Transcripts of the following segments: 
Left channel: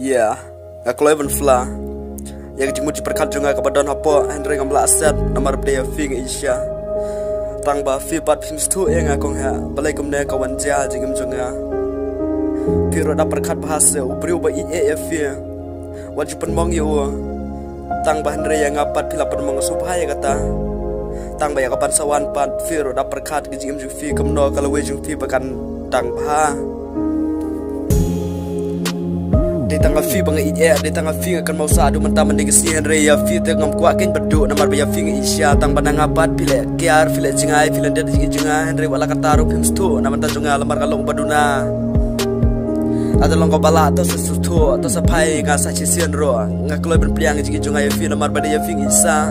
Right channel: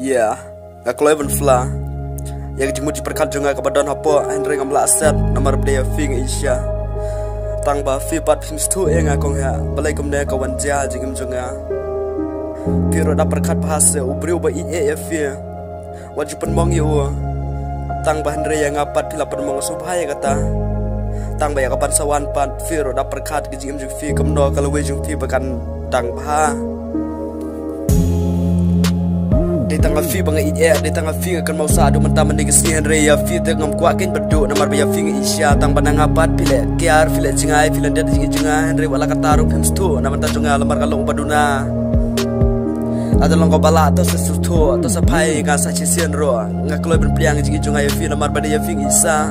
Yeah, aku Evan Fla. Yang jimut diperkat juga kepada apa Henry ngamla aset nomor dia fing Asia. Tang ba fi pat film stu yang aku ha balai kumne kawan dia jingim juga. Piro da perkat bahasa ubri uba IAF ya. Wajib penmong yo. Tang ba Henry yang ngapat pila penmong subhaya kata. Tang ba ya kapan sawan pat piro da perkat jingim juga fi kemno kalau wejung fi bakan tang ba. Di tangga fi bang iya di tangga fi akan mau sadu mentah mendigasi Henry ya fi tengam kuakin berduk namar baya fi Asia tang banang apat pile kiar pile jingai pile dia jingai Henry wala kataru pims tu namar tajunga lamar kalong baduna ada long bala atau sesuatu atau sapai ngasa cisian ro ngakloi berpliang jingai fi namar baya fi Isa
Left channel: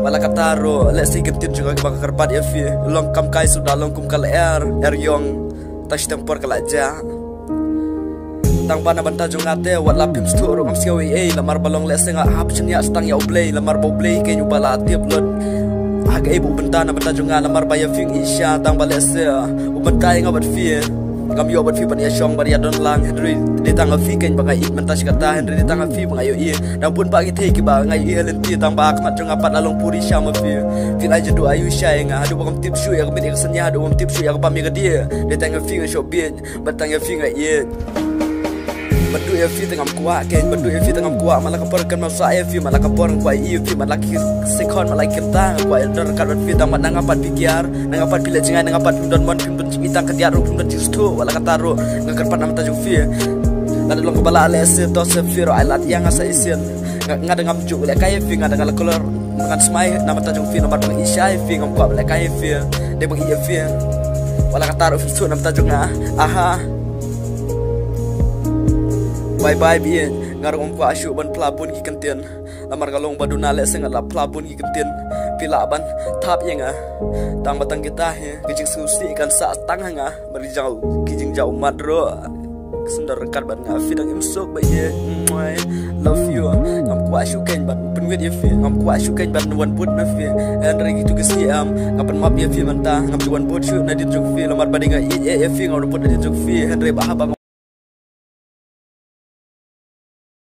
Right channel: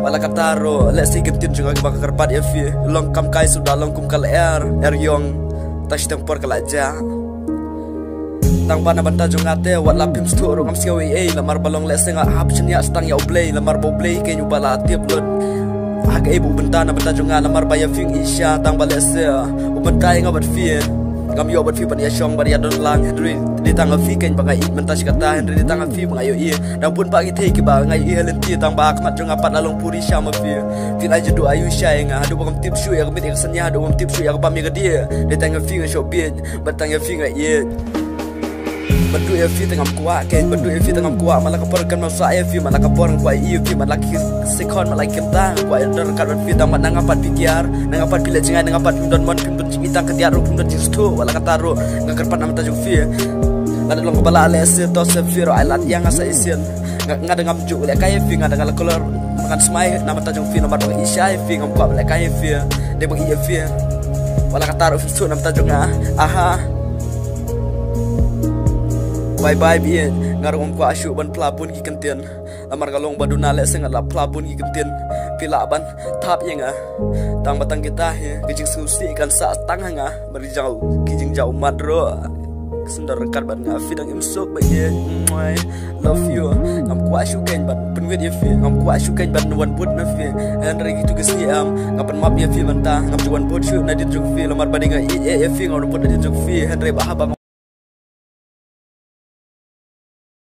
wala kataru let's see gentin juga bakal kerpat ya fi long kam kai sudah long kum kal air yong tas tempor kalaja tang bana banta jongate wat lapim stu ro ngam siawi lamar balong lesenga hap chenya stang ya oblay lamar boblay ke nyubala tiap lot aga ibu benta na banta jonga lamar baya fing Asia tang balese ubenta nga bat fi ngam yo bat fi ban ya shong bar ya don lang Henry di tang fi ken bangai menta kata Henry di tang fi bangai yo dan pun pagi te ki ba ngai lenti tang ba akmat jonga pat lalong puri syama fi la jedu ayu shay nga hadu bang tip shu ya kemit kesenya hadu bang tip shu ya pami ke dia di tang fi nga shobin batang ya fi nga badu ya fi tengam kuat ken badu ya fi tengam kuat malah kaporkan masa ya fi malah kaporkan kuat fi malah sekon malah kita kuat dor kat fi tang nang apat pikiar nang apat pila jingan nang apat pindon mon pindon jingitang kediar ro pindon jistu wala kataro ngakerpat nama tajuk fi lada long bala ale se to se fi ro alat yang asa isian ngada ngam juk le kay fi ngada ngala kolor makan smai nama tajuk fi nomor bang Isya fi ngam kuat le kay fi de bang iya fi wala kataro fi nama tajuk aha bye bien ngarong ko asyu ban plabun ki kenten lamar galong baduna le sengat la plabun ki kenten pila ban tap yenga tang batang kita he kijing susi kan sa tang hanga bari jau kijing jau madro sendar rekat ban nga fidang imsok ba ye love you ngam ko asyu ken ban penwet ye fi ngam ko asyu ken ban wan put na fi Henry gitu gesi ngapan map ye fi manta ngam juan put syu na din juk fi lamar badinga ye fi ngam put din juk fi Henry ba